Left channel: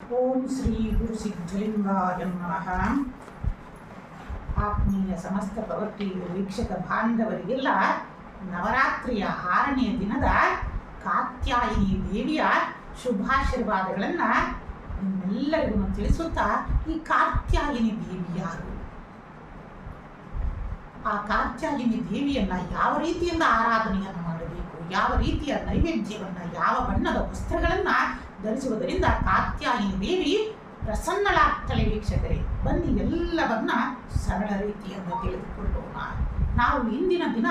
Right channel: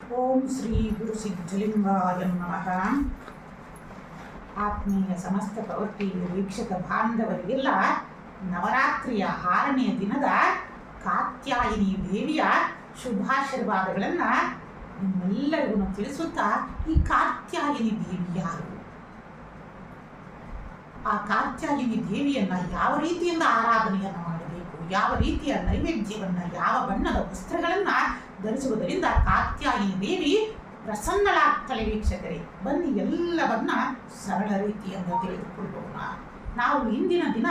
ಓಂ ಶ್ರೀ ಗುರು ಸಿದ್ಧಲಿಂಗಾಯ ನಮಃ. ಆತ್ಮೀಯ ಸಮಸ್ತ ಪ್ರವೃತ್ತಿ ವೀಕ್ಷಕ ಬಾಂಧವರಿಗೆಲ್ಲ ನವರಾತ್ರಿಯ 6ನೇ ದಿನದ ಕಾತ್ಯಾಯಿನಿ ದೇವಿಯ ಶುಭಾಶೀರ್ವಾದಗಳನ್ನು ನಿಮ್ಮೆಲ್ಲರಿಗೂ ತಿಳಿಸುತ್ತಾ, ಈ ಕಾತ್ಯಾಯಿನಿ ದೇವಿ ಯಾರು, ಆ ಕಾತ್ಯಾಯಿನಿ ದೇವಿಯನ್ನು ಯಾವ ರೀತಿಯಿಂದ ಆರಾಧನೆಯನ್ನು ಮಾಡಬೇಕು, ಯಾವ ರೀತಿಯ ನೈವೇದ್ಯವನ್ನು, ಯಾವ ಬಣ್ಣದ ವಸ್ತ್ರಗಳನ್ನು ಧರಿಸುವುದರಿಂದ ಕಾತ್ಯಾಯಿನಿ ದೇವಿ ಪ್ರಸನ್ನಳಾಗ್ತಳೆ. ವೀಕ್ಷಕರೇ, ಬನ್ನಿ ಎಲ್ಲವನ್ನ ಸರಳ ರೀತಿಯಿಂದ ತಿಳಿದುಕೊಳ್ಳೋಣ. ನಾವು ಇಂದಿನ ದಿನ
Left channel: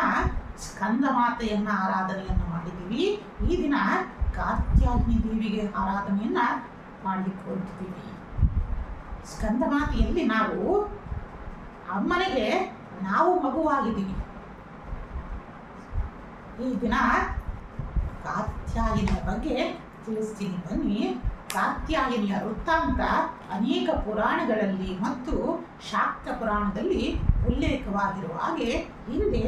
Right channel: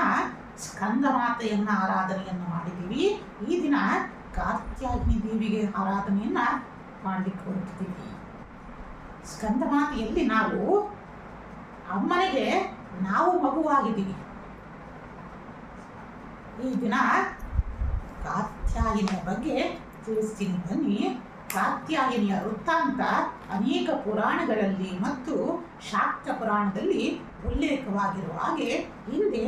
ಸ್ಕಂದ ಮಾತೆಯನ್ನು ಆರಾಧನೆಯನ್ನು ಮಾಡಿದ್ದೀವಿ. ಈ ದಿನ ಕಾತ್ಯಾಯಿನಿ ದೇವಿಗೆ ಆರಾಧನೆಯನ್ನು ಮಾಡಲಿಕ್ಕೆ ಹೊರಟಿದ್ದೀವಿ. ಸ್ಕಂದ ಮಾತೆಯಲ್ಲಿ ನಾವು ಅಮ್ಮನಿಗೆ ನಾವು ಮಗುವಾಗಿದ್ದೀವಿ. ಈ ದಿನ ಕಾತ್ಯಾಯಿನಿಯ ಬಗ್ಗೆ ತಿಳಿಸ್ತೀನಿ ಬನ್ನಿ. ಕಾತ್ಯಾಯಿನಿಯ ವೃತ್ತಾಂತ ಅನೇಕ ಪುರಾಣಗಳಲ್ಲಿ ಮತ್ತು ಶಾಕ್ತ ಪುರಾಣದಲ್ಲಿ ಉಲ್ಲೇಖವಾಗಿರುವ ಹಾಗೆ, ಹಿಂದೆ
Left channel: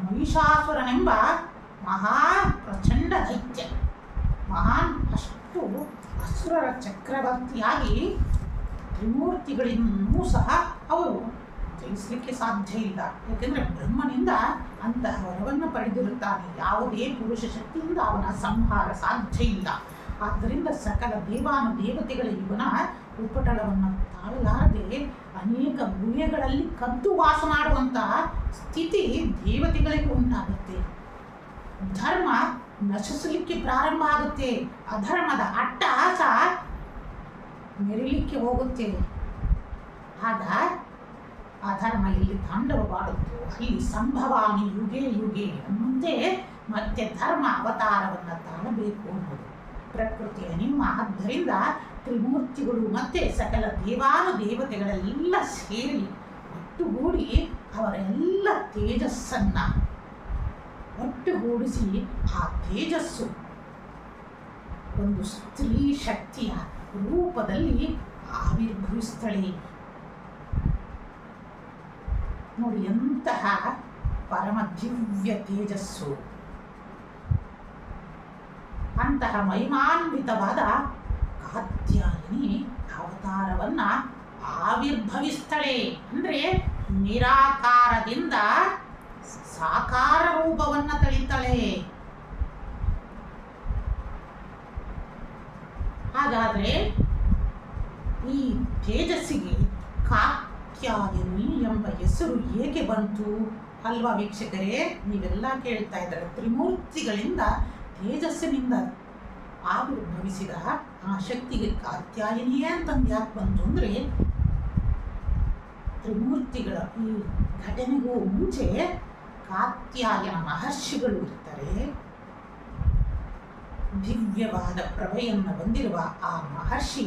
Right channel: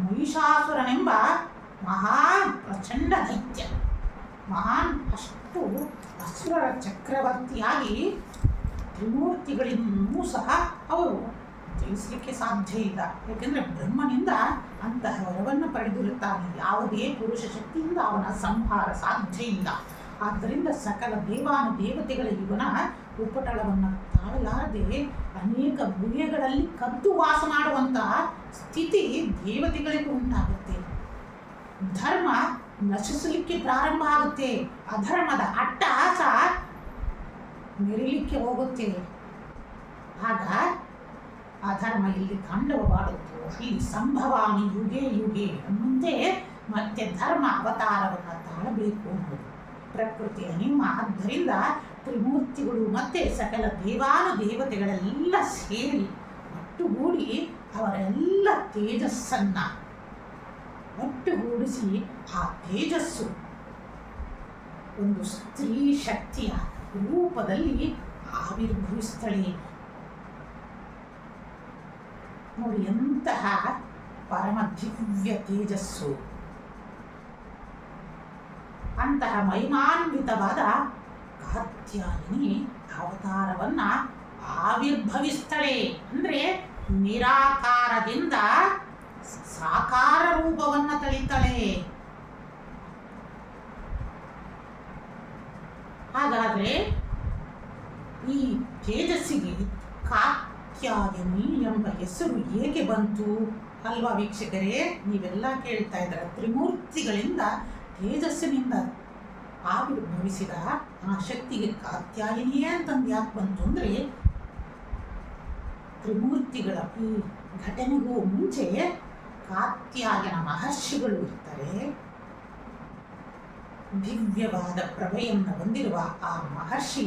ಮಹಿಷಾಸುರನೆಂಬ ಮಹಾ ಪ್ರಚಂಡ ದೈತ್ಯ, ಅಷ್ಟು ಅಸುರರ ಚಕ್ರವರ್ತಿಯಾಗಿ ತ್ರಿಮೂರ್ತಿಗಳಿನ್ನೂ ಸಹ ಅವರು ಜಯಿಸಲಿಕ್ಕೆ ಸಾಧ್ಯ ಇಲ್ಲ. ಯಾಕೆಂದರೆ ಬ್ರಹ್ಮನಿಂದ ಅಂತಹ ವರವನ್ನು ಪಡೆದಿರುತ್ತಾನೆ. ಯಾವುದೇ ಪುರುಷ ಶಕ್ತಿಯಿಂದ ಅವನ ಸಂಹಾರ ಸಾಧ್ಯ ಇಲ್ಲ. ಆದ್ದರಿಂದ ಸಕಲ ದೇವಾನುದೇವತೆಗಳ ಇವನ ಉಪಟಳವನ್ನು ತಾಳಲಾರದೆ ಅನೇಕ ಗುಹೆಗಳಲ್ಲಿ ಕದ್ದು ವಾಸ ಮಾಡುವಂತಹ ಸ್ಥಿತಿ ದೇವತೆಗಳಿಗೂ ಉಂಟಾಗುತ್ತೆ. ಧರ್ಮ ನಶಿಸಲಿಕ್ಕೆ ಪ್ರಾರಂಭ ಆಗುತ್ತೆ. ಅಧರ್ಮದ ಅಟ್ಟಹಾಸ ಮೆರಿಲಿಕ್ಕೆ ಹೋಗುತ್ತೆ. ಆಗ ಅಧರ್ಮ ಇಲ್ಲಿ ತಾಂಡವವಾಡುವುದು, ಅಲ್ಲಿ ಸಂಭವಾನಿ ಯುಗೆ ಯುಗೆ ಅನ್ನುವಂತೆ ಮತ್ತೆ ಧರ್ಮ ಅವತಾರವನ್ನು ತಾಳಬೇಕು ಅನ್ನೋದು ಪ್ರಕೃತಿಯ ನಿಯಮ. ಆದ್ದರಿಂದ ತ್ರಿಮೂರ್ತಿಗಳು ಮತ್ತೆ ಸಕಲ ದೇವಾನುದೇವತೆಗಳೆಲ್ಲ ಸೇರಿ ಒಟ್ಟುಗೂಡಿ ಅವರೆಲ್ಲ ತೇಜಸ್ಸನ್ನು ಒಟ್ಟುಗೂಡಿಸಿ ಆ ತೇಜಸ್ಸು ಒಂದು ಸ್ತ್ರೀ ಶಕ್ತಿಯ ರೂಪದಲ್ಲಿ ಆವಿರ್ಭವಿಸ್ತಳೆ. ನೋಡಿ, ಎಂತಹ ಪರಮ ದಿವ್ಯ ತೇಜಸ್ಸು! ಅಂತಹ ಮಹಿಮಾನ್ವಿತವಾದ ಕಾತ್ಯಾಯಿನಿ ಅವತಾರವನ್ನು ಆವಿರ್ಭವಿಸ್ತಳೆ. ಅಂದರೆ ನಿರಾಕಾರದಿಂದ ಸಾಕಾರ ರೂಪವನ್ನು ತಳಿತಾಳೆ. ಹಾಗಾದರೆ ಈ ತೇಜಸ್ಸಿಗೆ ಕಾತ್ಯಾಯಿನಿ ಎಂಬ ಹೆಸರು ಹೇಗೆ ಬಂತು ಅಲ್ವಾ ವೀಕ್ಷಕರೇ? ನೀವೆಲ್ಲ ಕೇಳ್ತಾ ಇದ್ದಾರೆ, ತ್ರಿಮೂರ್ತಿಗಳಿಂದ ತೇಜಸ್ಸಿನಿಂದ ಆವಿರ್ಭವಿಸಿದ ಆ ಶಕ್ತಿಗೆ ಕಾತ್ಯಾಯಿನಿಯೇ ಅಂತಂದು ಯಾಕೆ ಬಂತು ಅಂದರೆ, ತ್ರಿಮೂರ್ತಿಗಳ ಈ ಘಟನೆಗೂ ಮುಂಚೆ ಕಾತ್ಯಾಯನ ಮಹರ್ಷಿಗಳು ಇರ್ತಾರೆ. ದಿವ್ಯವಾದ ಪ್ರಭೆಯನ್ನು ಹೊಂದಿರುವ ಆ ಮಹರ್ಷಿ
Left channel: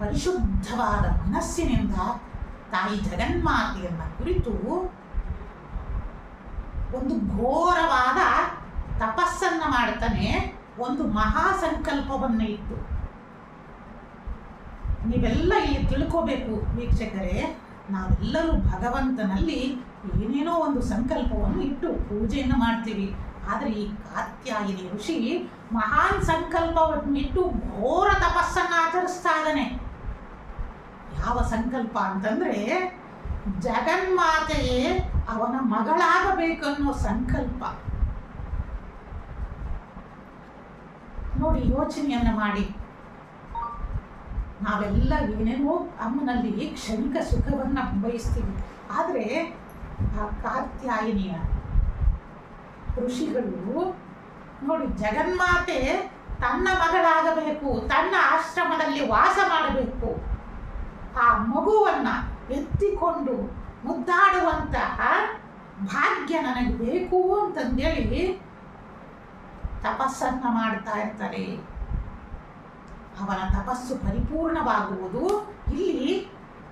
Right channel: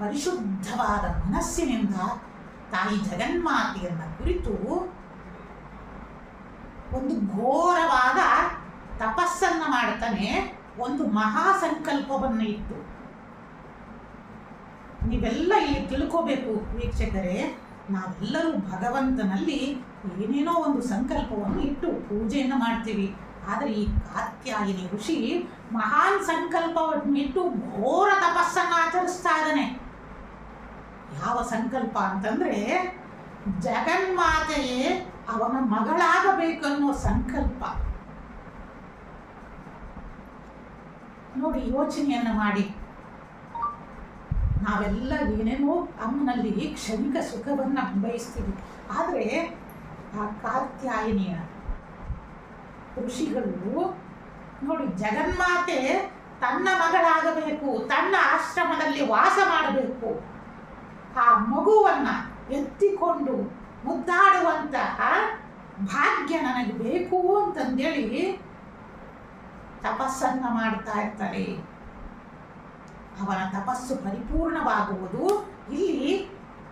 ಪರಿಶುದ್ಧವಾದ ಮನಸ್ಸಿನಿಂದ ತಾಯಿ ಜಗನ್ಮಾತೆಯನ್ನು ಕುರಿತು ಒಂದು ಘೋರವಾದ ತಪಸ್ಸನ್ನು ಮಾಡ್ತಾನೆ. ಒಂದು ಮಹಾ ಸಂಕಲ್ಪವನ್ನು ಇಟ್ಟು, ನೀವೆಲ್ಲ ಇಲ್ಲಿ ತಿಳ್ಕೋಬೇಕು ವೀಕ್ಷಕರೇ, ನಾವೆಲ್ಲರೂ ಭಗವಂತನಲ್ಲಿ ಏನೇನೋ ಒಂದು ಸಂಕಲ್ಪವನ್ನು ಇಟ್ಟು ಪೂಜೆಯನ್ನು ಮಾಡ್ತೀವಿ. ಆದರೆ ಈ ಕಾತ್ಯಾಯಿನಿ ಋಷಿ ಮಹಾನ್ ಸಂಕಲ್ಪವನ್ನು ಇಟ್ಟು ಘೋರ ತಪಸ್ಸನ್ನು ಆಚರಿಸ್ತಾ ಇದ್ದಾನೆ. ಯಾವ ಸಂಕಲ್ಪ ಅಂತಂದರೆ, ಜಗನ್ಮಾತೆಯೇ ಅವನ ಮಗಳಾಗಬೇಕನ್ನೋ ಸಂಕಲ್ಪ. ನೋಡಿ, ಯೋಚನೆಯನ್ನು ಮಾಡಿ. ನಾವೆಲ್ಲ ಏನೇನೋ ಅಮ್ಮನಲ್ಲಿ ಕ್ಷಣಿಕ ಸುಖವನ್ನು ಬಯಸ್ತೀವಿ. ಆದರೆ ಆ ಕಾತ್ಯಾಯಿನಿಯ ಋಷಿಗಳು ನೋಡಿ, ಜಗನ್ಮಾತೆ ತನ್ನ ಮಗಳಾಗಬೇಕು, ತನ್ನ ಆಶ್ರಮದಲ್ಲಿ ವಾಸ ಮಾಡಬೇಕು, ಆ ಮಗುವನ್ನು ಎತ್ತಿಕೊಂಡು ಮುದ್ದಾಡುವಂತಹ ಭಾಗ್ಯ ನನಗೆ ಬೇಕು ಅಂತಂದೇಳಿ ತಪಸ್ಸನ್ನು ಮಾಡ್ತಾ ಇರ್ತಾರೆ. ಅವನ ತಪಸ್ಸು ಪರಿಪೂರ್ಣವಾಗುವುದು ಇಲ್ಲಿ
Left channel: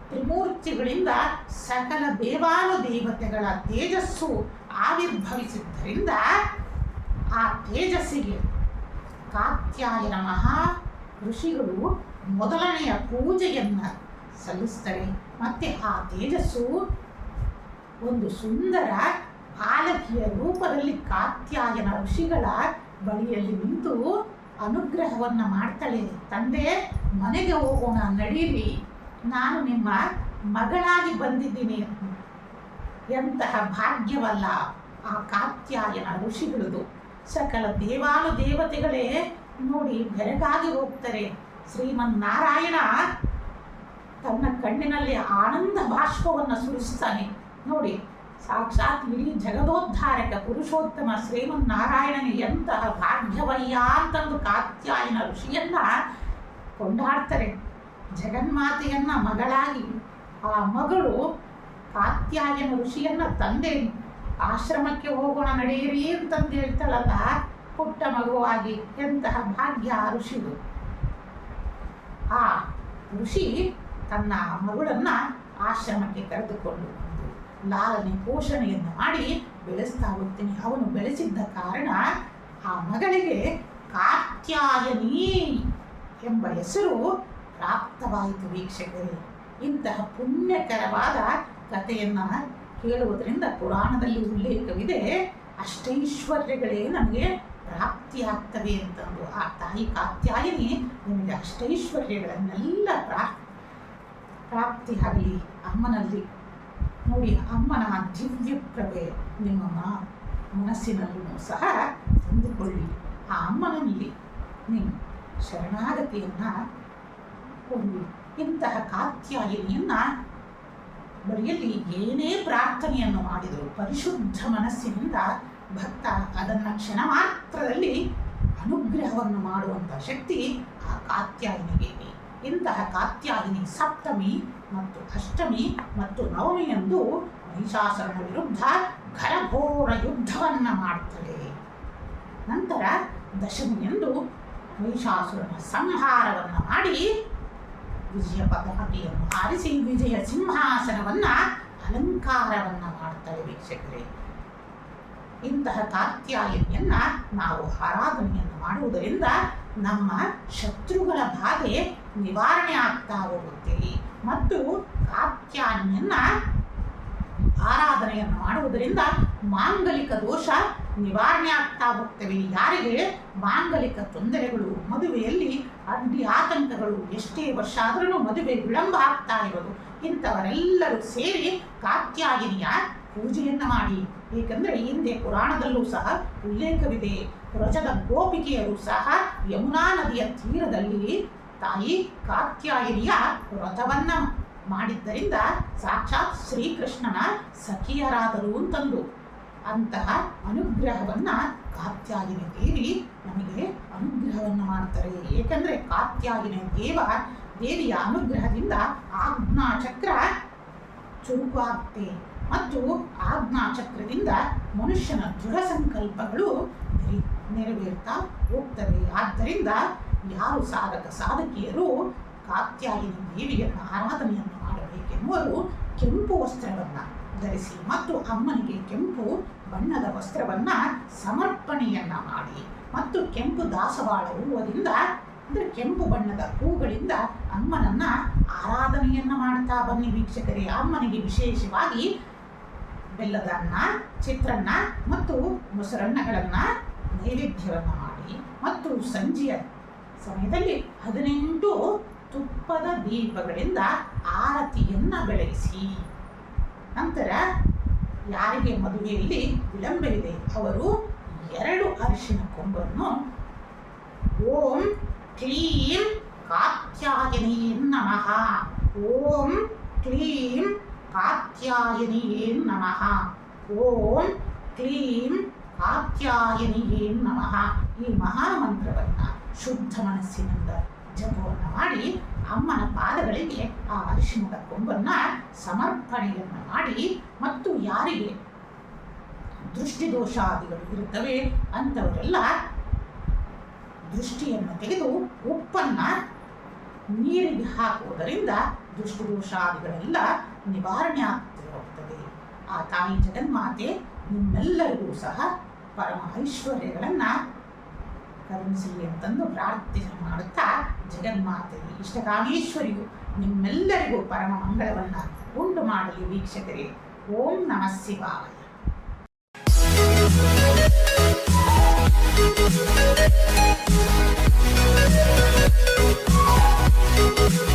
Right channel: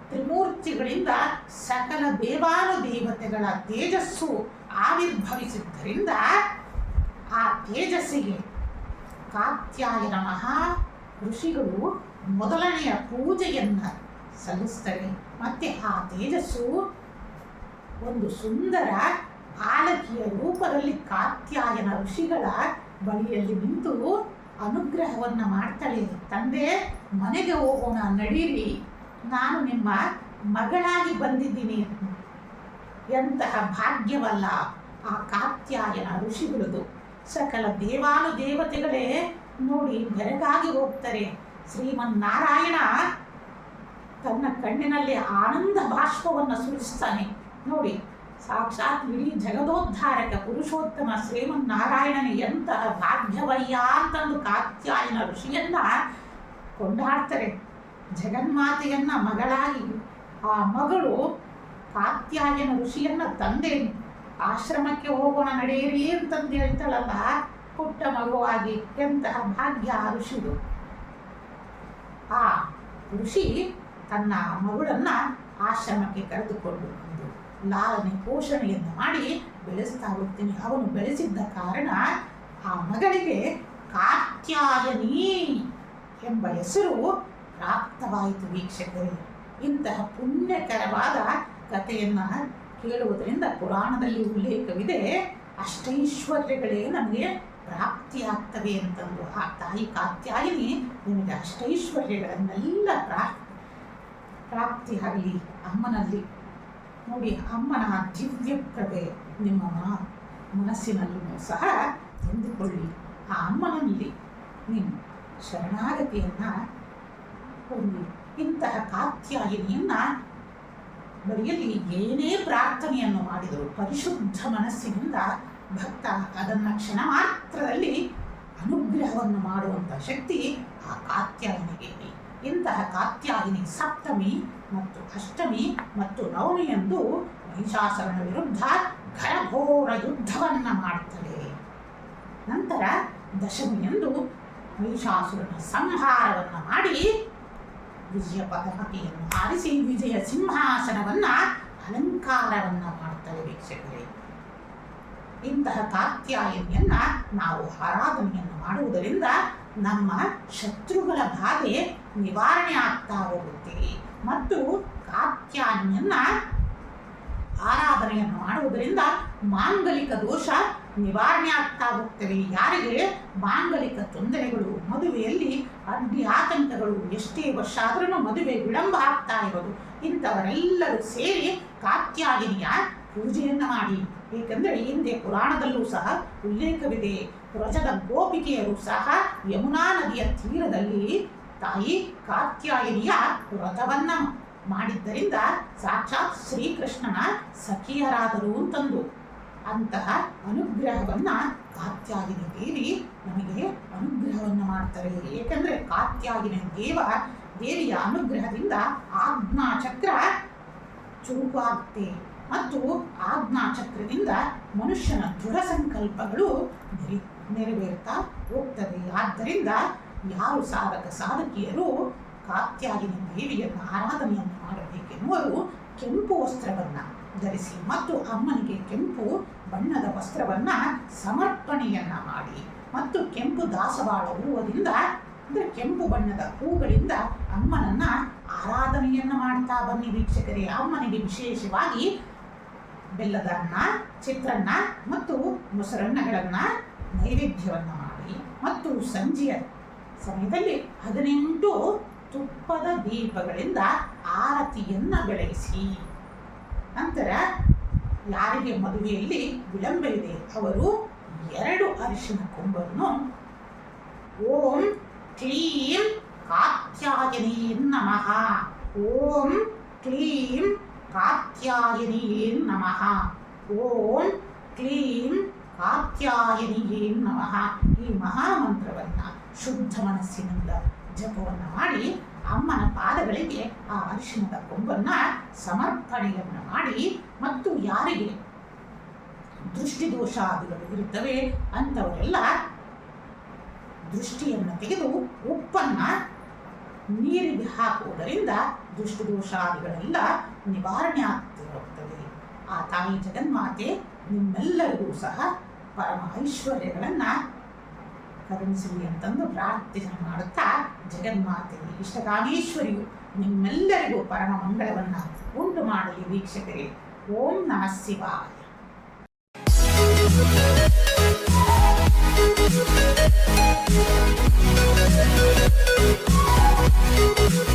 ತ್ರಿಮೂರ್ತಿಗಳಿಂದ ಸಕಲ ದೇವಾನುದೇವತೆಗಳ ತೇಜಸ್ಸು ಆವಿರ್ಭವಿಸಿದ್ದರಿಂದ ಆ ತೇಜಸ್ಸಿಗೆ ಕಾತ್ಯಾಯನ ಮಹಾ ಋಷಿಗಳು ಮೊದಲನೆಯ ಪೂಜೆಯನ್ನು ಸಲ್ಲಿಸ್ತಾರೆ. ಮತ್ತು ಆ ತೇಜಸ್ಸು ಒಂದು ಸುಂದರ ಬಾಲಕಿಯ ರೂಪದಲ್ಲಿ ಕಾತ್ಯಾಯನ ಋಷಿಗಳ ಬಳಿಯಲ್ಲಿ ನಿಂತು ಅನುಗ್ರಹವನ್ನು ಮಾಡ್ತಾಳೆ. ತಂದೆ, ಮನೆಗೆ ಹೋಗೋಣ ನಡೀರಿ, ನಾನು ನಿಮ್ಮ ಮಗಳಾಗಿ ಬಂದಿದ್ದೀನಿ. ಎಂತಹ ಭಾಗ್ಯವಲ್ಲ ಆ ಕಾತ್ಯಾಯನ ಋಷಿಗಳದು. ಸಕಲ ದೇವಾನುದೇವತೆಗಳೇ ನೋಡಿ ಬೆರಗಾಗಿ ಹೋಗ್ತಾರೆ. ಶ್ರೀಮನ್ನಾರಾಯಣ ತನ್ನ ಕಣ್ಣಿನಲ್ಲಿ ಆನಂದ ಬಾಷ್ಪವನ್ನು ಸುರಿಸ್ತಾನೆ. ನೋಡಿ, ಸಾಕ್ಷಾತ್ ಇಡೀ ಜಗದೋದ್ಧಾರಕ ಪುರುಷೋತ್ತಮ ಶ್ರೀಮನ್ನಾರಾಯಣನ ಎಂತಹ ಭಾಗ್ಯವಯ್ಯ ಅಂತಂದು ಕಾತ್ಯಾಯನ ಋಷಿಯನ್ನ ಕೊಂಡಾಡ್ತಾರೆ. ಜಗನ್ಮಾತೆಯನ್ನ ಮಗಳಾಗಿ ಆ ಮಗಳು ಕಾತ್ಯಾಯನ ಋಷಿಯನ್ನ ತಂದೆ ಆಶ್ರಮಕ್ಕೆ ಹೋಗೋಣ ನಡೆಯಿರಿ ಅಂತಂದು ಹೇಳ್ತಾಳಲ್ಲ, ಪುಟ್ಟ ಮಗುವಾಗಿ ಎಂತಹ ಭಾಗ್ಯ ಆ ಋಷಿದು. ಆ ಋಷಿ ತನ್ನ ಮಗಳನ್ನ ಆಶ್ರಮಕ್ಕೆ ಕರೆದುಕೊಂಡು ಬಂದು ಲಾಲನೆ ಪೋಷಣೆಯನ್ನು ಮಾಡಿ ಬೆಳೆಸ್ತಾ ಹೋಗ್ತೀನಿ. ಅವನು ಬೆಳೆಸಿದ್ದ ಕಾರಣ ಆ ಮಗಳಿಗೆ ಕಾತ್ಯಾಯನಿ ಎಂಬ ಹೆಸರು ಪ್ರಾಪ್ತವಾಯಿತು. ವೀಕ್ಷಕರೇ, ಇಂತಹ ಪುಣ್ಯಕರವಾದ ಕಥೆಯನ್ನು ಕೇಳುವುದರಿಂದ ಪುರಾಣದಲ್ಲಿ ಉಲ್ಲೇಖವಿದೆ, ಅಷ್ಟೈಶ್ವರ್ಯಗಳೇ ನಮಗೆ ಪ್ರಾಪ್ತಿಯಾಗ್ತವೆ ಅಂತಂದು. ಆ ತಾಯಿ ಕಾತ್ಯಾಯನಿ ನಿಮಗೆ ಅಷ್ಟೈಶ್ವರ್ಯಗಳನ್ನೆಲ್ಲ ಪ್ರಾಪ್ತಿಯಾಗಲಿ ಅಮ್ಮನಲ್ಲಿ. ನೋಡಿ, ಅಮ್ಮನ ದಿವ್ಯ ಪ್ರಭೆ ನಿಮ್ಮ ಮನಸ್ಸಿನಲ್ಲೂ ಸಹ ತಂದುಕೊಳ್ಳಿ. ಆ ಅಮ್ಮನಲ್ಲಿ ನೀವು ಶರಣಾಗತಿಯನ್ನು ಹೊಂದಿ. ಇಂತಹ ಕಾತ್ಯಾಯನಿಯನ್ನು ಬಳಿಯಲ್ಲಿ ಏನೇ ಪ್ರಾರ್ಥನೆಯನ್ನು ಮಾಡಿದರು ಪರಿಶುದ್ಧ ಮನಸ್ಸಿನಿಂದ ಭಕ್ತ ಅದನ್ನು ಕ್ಷಣ ಮಾತ್ರದಲ್ಲಿ ಅನುಗ್ರಹವನ್ನು ಮಾಡುವಂಥ ಶಕ್ತಿ ಆ ಕಾತ್ಯಾಯನಿಗೆ ಇದೆ. ಇಂತಹ ಕಾತ್ಯಾಯನಿ ಸಪ್ತಮಿ ಮತ್ತು ಅಷ್ಟಮಿ ಮತ್ತು ನವಮಿಯಂದು ಮಹಿಷಾಸುರನ ವಿರುದ್ಧ ಘನಘೋರ ಯುದ್ಧವನ್ನು ಮಾಡ್ತಾಳೆ. ನಂತರ ದಶಮಿಯಂದು ಮಹಿಷಾಸುರನ ಸಂಹಾರವನ್ನು ಮಾಡಿ ವಿಜಯ ಪತಾಕೆಯನ್ನು ಹಾರಿಸಿ ವಿಜಯ ಸಿಂಹಾಸನವನ್ನು ಅಲಂಕಾರವನ್ನು ಮಾಡ್ತಾಳೆ. ವೀಕ್ಷಕರೇ, ಇಂತಹ ಕಾತ್ಯಾಯನಿಯನ್ನು ನಾವು ಆರಾಧನೆಯನ್ನು ಮಾಡುವುದರಿಂದ ನಮ್ಮ ಶತ್ರುಗಳ ಬಾಧೆ ನಿವಾರಣೆ ಆಗ್ತಾ ಹೋಗುತ್ತೆ. ಮತ್ತು ಕಾತ್ಯಾಯನಿಯನ್ನು ಆರಾಧನೆಯನ್ನು ಮಾಡುವುದರಿಂದ ಮಾಂಗಲಿಕ ದೋಷ ನಿವಾರಣೆ ಆಗ್ತಾ ಹೋಗ್ತವೆ. ಯಾರಿಗೆ ಮಾಂಗಲಿಕ ತೊಂದರೆಗಳು, ಮದುವೆಯಲ್ಲಿ ಅಡ್ಡಿ ಆತಂಕಗಳು, ಎಷ್ಟೇ ವರ್ಷ ಆದ್ರೂ ಮದುವೆ ವಿಳಂಬ ಆಗ್ತಾ ಇರೋದು, ಇಂಥವರೆಲ್ಲರೂ ಸೇರಿ ಕಾತ್ಯಾಯನಿಯ ಪೂಜೆಯನ್ನು ಮಾಡಿ. ಏಕೆಂದರೆ ಹಿಂದೆ ಪುರಾಣದಲ್ಲೂ ಸಹ ಉಲ್ಲೇಖವಿದೆ, ವ್ರಜದ ಗೋಪಿಕೆಯರು ಸಹ ಯಮುನಾ ನದಿಯ ತೀರದಲ್ಲಿ ತಾಯಿ ಕಾತ್ಯಾಯನಿಯ ವ್ರತವನ್ನು ಮಾಡಿದ್ದರಿಂದ ಸಾಕ್ಷಾತ್ ಶ್ರೀಕೃಷ್ಣನ ಸಖಿಯರಾದರು ಅಂತಂದು. ಅಂತಹ ಅನುಗ್ರಹವನ್ನು ಕಾತ್ಯಾಯನಿ ದೇವಿ ನಮಗೆ ಅನುಗ್ರಹವನ್ನು ಮಾಡ್ತಾರೆ. ಏಕೆಂದರೆ ಕಾತ್ಯಾಯನಿ ದೇವಿಯ ಅನುಗ್ರಹದಿಂದ ಆಜ್ಞಾಚಕ್ರ ಚುರುಕಾಗುತ್ತೆ ಮತ್ತು ಆಜ್ಞಾಚಕ್ರದಿಂದ ಮನುಷ್ಯನ ದೃಢ ಸಂಕಲ್ಪಗಳು ನೆರವೇರ್ತಾ ಹೋಗ್ತವೆ. ಆದ್ದರಿಂದ ಯಾರು ಸಾಧಕಿಯರು ಕಾತ್ಯಾಯನಿ ದೇವಿಯನ್ನು ಆರಾಧನೆಯನ್ನು ಮಾಡಬೇಕೆನ್ನುವರು ಕೆಂಪು ವಸ್ತ್ರವನ್ನು ಧರಿಸಿ ಮತ್ತು ಅಮ್ಮನಿಗೆ ಕೆಂಪು ಬಣ್ಣದ ವಸ್ತ್ರವನ್ನು ಸಮರ್ಪಣೆಯನ್ನು ಮಾಡಿ ಮತ್ತು ಕೆಂಪು ದಾಸವಾಳ ಹೂವದಿಂದ ಅಂದರೆ ಕೆಂಪು ಬಣ್ಣದ ಹೂಗಳಿಂದ ಅಮ್ಮನನ್ನು ಆರಾಧನೆಯನ್ನು ಮಾಡ್ತಾ ಬನ್ನಿ. ವೀಕ್ಷಕರೇ, ಅಮ್ಮನಿಗೆ ವಿಶೇಷವಾಗಿ ಬೆಲ್ಲದ ಅನ್ನ, ಚಿತ್ರಾನ್ನ ಮತ್ತು ಮೊಸರನ್ನಗಳನ್ನು ನೈವೇದ್ಯವನ್ನು ಮಾಡಿ ಮತ್ತು ಸಂಜೆಯ ಸಮಯದಲ್ಲಿ 18 ತುಪ್ಪದ ದೀಪಗಳಿಂದ ಆರತಿಯನ್ನು ಬೆಳಗಿಸಿ. ನಂತರ ಯಾರಿಗೆ ಮದುವೆಯಲ್ಲಿ ವಿಳಂಬವಿದೆ ಅವರು 2 ಅರಿಶಿನ ಕೊಂಬನ್ನು ಓಂ ಕ್ಲೀಂ ಕಾತ್ಯಾಯನಿಯೇ ನಮಃ, ಓಂ ಕ್ಲೀಂ ಕಾತ್ಯಾಯನಿಯೇ ನಮಃ, ಓಂ ಕ್ಲೀಂ ಕಾತ್ಯಾಯನಿಯೇ ನಮಃ ಈ ಮಹಾಮಂತ್ರವನ್ನು ಶುದ್ಧ ಮನಸ್ಸಿನಿಂದ ಜಪವನ್ನು ಮಾಡಿ ಅಮ್ಮನ ಪಾದಗಳಿಗೆ ಆ ಅರಿಶಿಣದ ಕೊಂಬನ್ನು ಸಮರ್ಪಣೆಯನ್ನು ಮಾಡಿ ಮತ್ತು ಯಾರಿಗೆ ದೃಷ್ಟಿದೋಷಾದಿಗಳು ಇರುತ್ತವೆ ಅಂಥವರೆಲ್ಲ ದೃಷ್ಟಿಯನ್ನು ತೆಗೆದು ಉಪ್ಪನ್ನು ನೀರಿಗೆ ಹಾಕುವುದರಿಂದ ದೃಷ್ಟಿದೋಷಾದಿಗಳೆಲ್ಲ ನಿವಾರಣೆ ಆಗ್ತಾ ಹೋಗ್ತವೆ. ಆ ತಾಯಿ ಜಗನ್ಮಾತೆ ನಿಮ್ಮೆಲ್ಲರಿಗೂ ಸಹ ಪರಮ ಐಶ್ವರ್ಯಗಳನ್ನು ಕರುಣಿಸಲಿ ಅಂತಂದು ಪ್ರಾರ್ಥನೆ ಮಾಡುತ್ತಾ ಜಗನ್ಮಾತೆ ಇಷ್ಟಕಾಮೇಶ್ವರಿಯು ನಿಮ್ಮೆಲ್ಲರಿಗೂ ಪರಮ ಮಂಗಳವನ್ನು ಉಂಟು ಮಾಡಲಿ. ವೀಕ್ಷಕರೇ, ಓಂ ನಮಃ ಶಿವಾಯ. Thank you.